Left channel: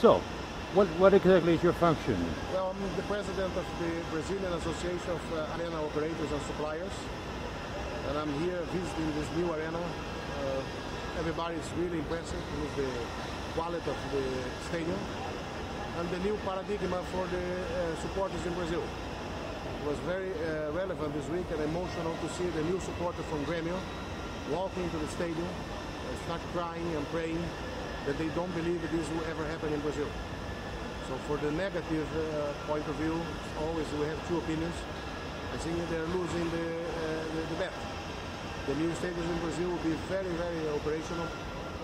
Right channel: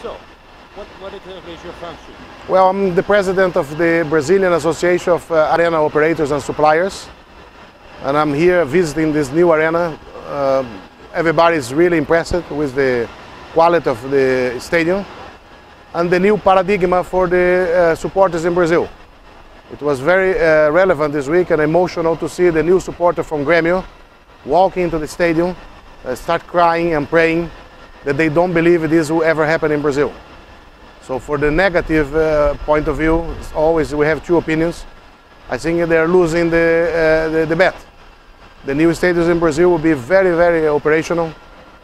So, what exactly is your function? Well, I'm the president of the Brazilian Association of Arena Operators and Suppliers. And I'm here visiting this new arena. Everybody is really impressed with the quality of the stadium and the new paradigm for the supporters in Brazil. It was very relevant this week and emotional to see the new supporter from Gremio walk into the stadium, start crying and praying that they don't believe this will ever happen in Brazil. So for the negative point of view, always we have two opinions. I think they're losing the bet. The new stadiums in Brazil will be very, very operational,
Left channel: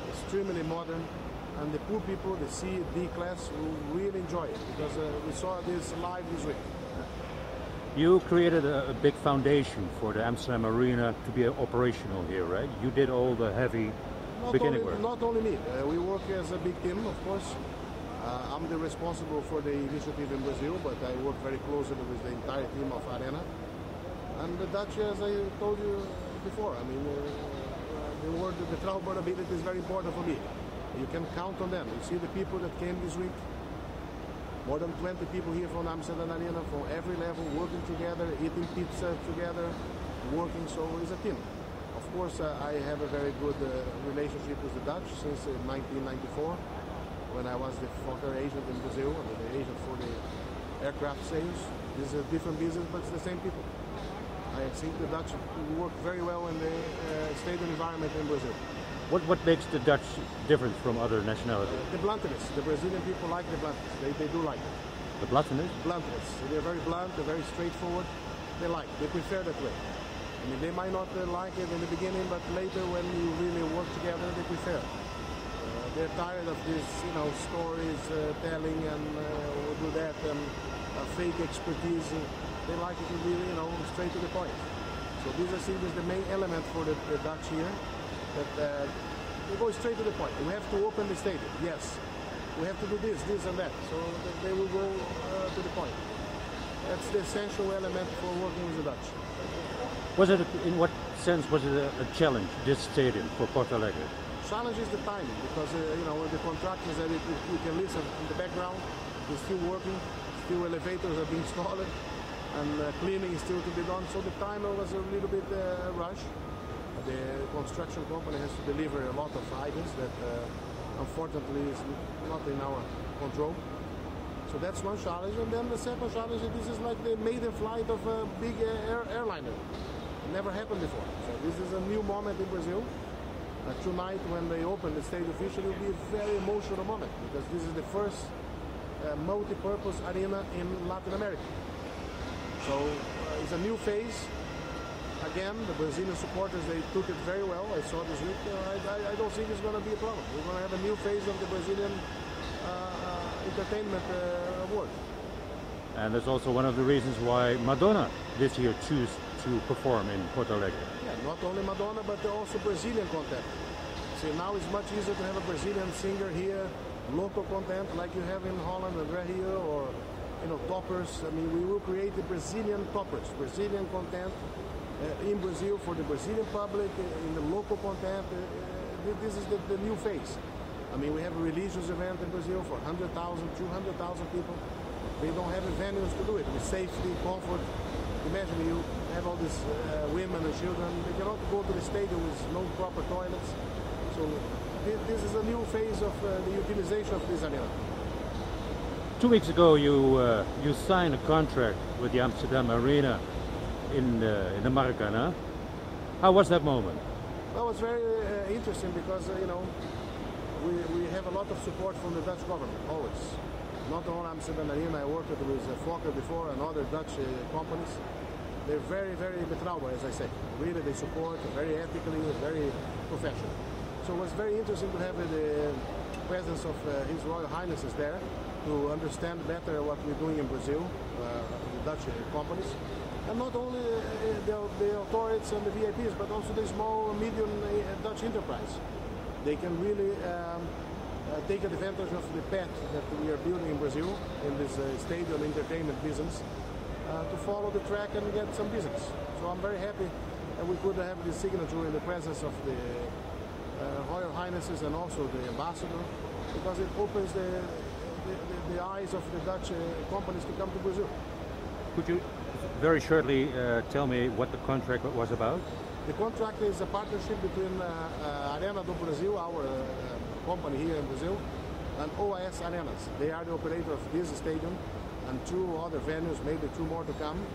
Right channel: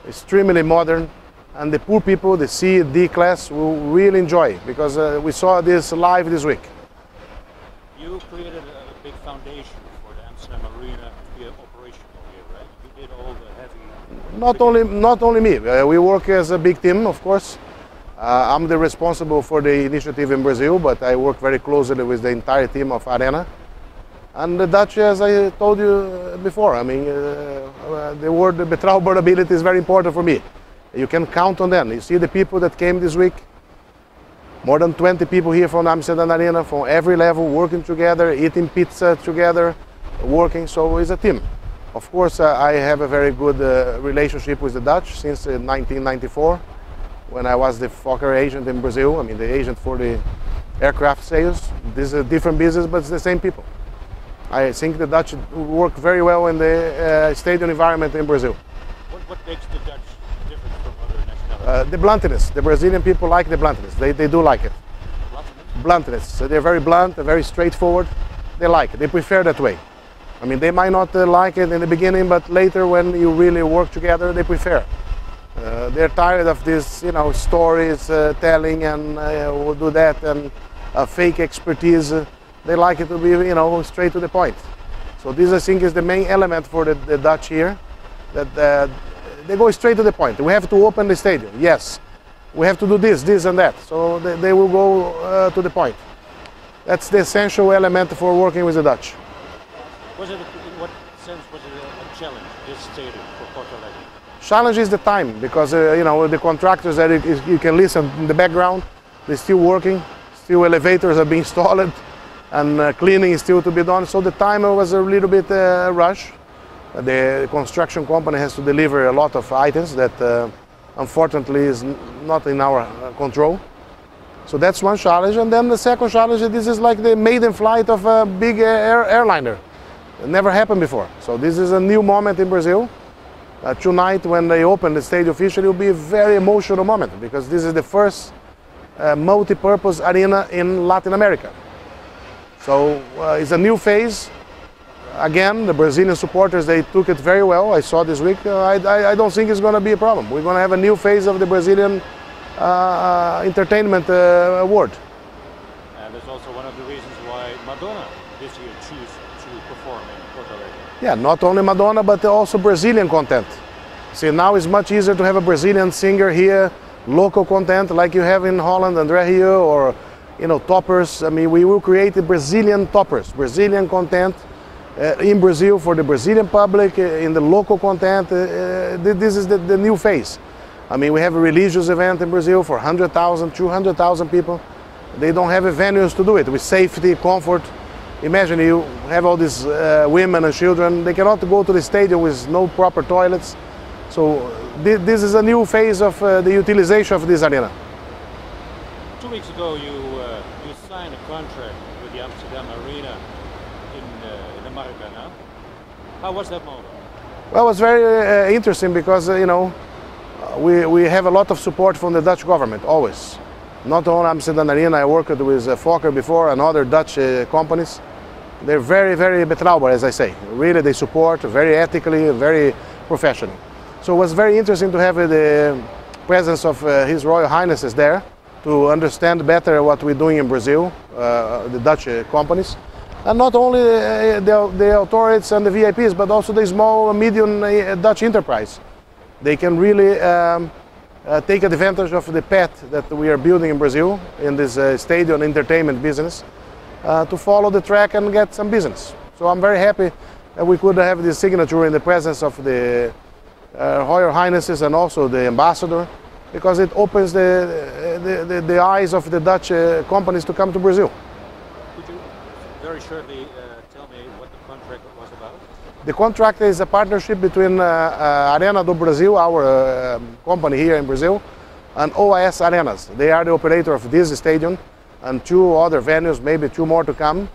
extremely modern, and the poor people, the C, D class, will really enjoy, because we saw this live this week. You created a big foundation for the Amsterdam Arena to be operational here, right? You did all the heavy... Not only me. We work as a big team, of course. I'm the responsible for the initiative in Brazil, but I work very closely with the entire team of Arena. And the Dutch, as I told you before, I mean, the word betrouwbaarability is very important for me. You can count on them. You see the people that came this week, more than 20 people here from Amsterdam Arena, from every level, working together, eating pizza together, working, so it's a team. Of course, I have a very good relationship with the Dutch since 1994, when I was the Fokker agent in Brazil, I mean the agent for the aircraft sales. This is a different business, but it's the same people. I think the Dutch work very well in the stadium environment in Brazil. What makes the Dutch different from other nationalities? The bluntness. The Brazilian people like the bluntness. They do like it. The bluntness? Bluntness. So they're very blunt, they're very straightforward. They like it. They prefer that way. I mean, they might not like it in the beginning, but later when you really work together, they prefer. They're tired of this, you know, stories telling and we'll do that and fake expertise. They like it to be, you know, straight to the point. So this, I think, is the main element for the Dutch here, that they go straight to the point. We have to open the stadium, yes. We have to do this, this and that. So they will go to the point. That's the essential element for working with the Dutch. Was it, in what sense was it a challenge, this stadium for Porto Alegre? Challenge is the time, because you know, the contractors that you can listen in the background, they're still working, still elevators are being installed, and cleaning is still to be done. So the time was a little bit rush. The construction company has to deliver a lot of items that unfortunately is not in our control. So that's one challenge. And then the second challenge, this is like the maiden flight of a big airliner. It never happened before. So this is a new moment in Brazil. Tonight, when they open the stadium officially, it will be a very emotional moment, because this is the first multi-purpose arena in Latin America. So it's a new phase. Again, the Brazilian supporters, they took it very well. I saw this week. I don't think it's going to be a problem. We're going to have a new phase of the Brazilian entertainment world. And that's also one of the reasons why Madonna this year chose to perform in Porto Alegre. Yeah, not only Madonna, but also Brazilian content. See, now it's much easier to have a Brazilian singer here, local content like you have in Holland, André Rio, or, you know, toppers. I mean, we will create the Brazilian toppers, Brazilian content in Brazil for the Brazilian public, in the local content. This is the new phase. I mean, we have a religious event in Brazil for 100,000, 200,000 people. They don't have venues to do it with safety, comfort. Imagine you have all these women and children. They cannot go to the stadium with no proper toilets. So this is a new phase of the utilization of this arena. 2 weeks ago, you signed a contract with the Amsterdam Arena in the Maracanã. How was that moment? Well, it was very interesting, because you know, we have a lot of support from the Dutch government, always. Not only Amsterdam Arena, I worked with Fokker before and other Dutch companies. They're very, very betrouwbaar, as I say. Really, they support very ethically, very professionally. So it was very interesting to have the presence of His Royal Highnesses there to understand better what we're doing in Brazil, the Dutch companies. And not only the authorities and the VIPs, but also the small and medium Dutch enterprise. They can really take advantage of the path that we are building in Brazil, in this stadium entertainment business, to follow the track and get some business. So I'm very happy that we could have this signature in the presence of the Royal Highnesses and also the ambassador. because it opens the eyes of the Dutch companies to come to Brazil. Could you very shortly tell me what the contract was about? The contract is a partnership between Arena do Brasil, our company here in Brazil, and OAS Arenas. They are the operator of this stadium and 2 other venues, maybe 2 more to come.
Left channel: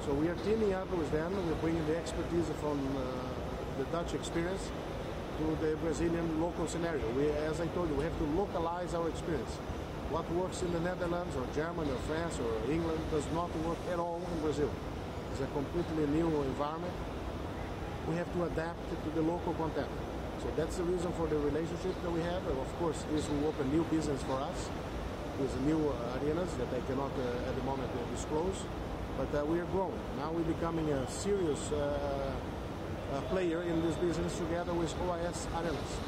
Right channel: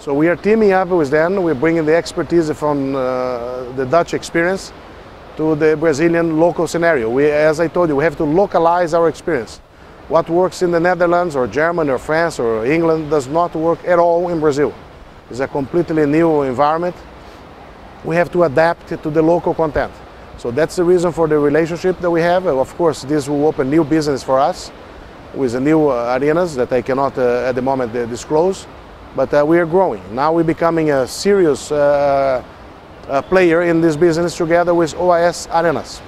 So we are teaming up with them. We're bringing the expertise from the Dutch experience to the Brazilian local scenario. As I told you, we have to localize our experience. What works in the Netherlands or Germany or France or England does not work at all in Brazil. It's a completely new environment. We have to adapt it to the local content. So that's the reason for the relationship that we have. Of course, this will open new business for us with the new arenas that I cannot at the moment disclose. But we are growing. Now we're becoming a serious player in this business together with OAS Arenas.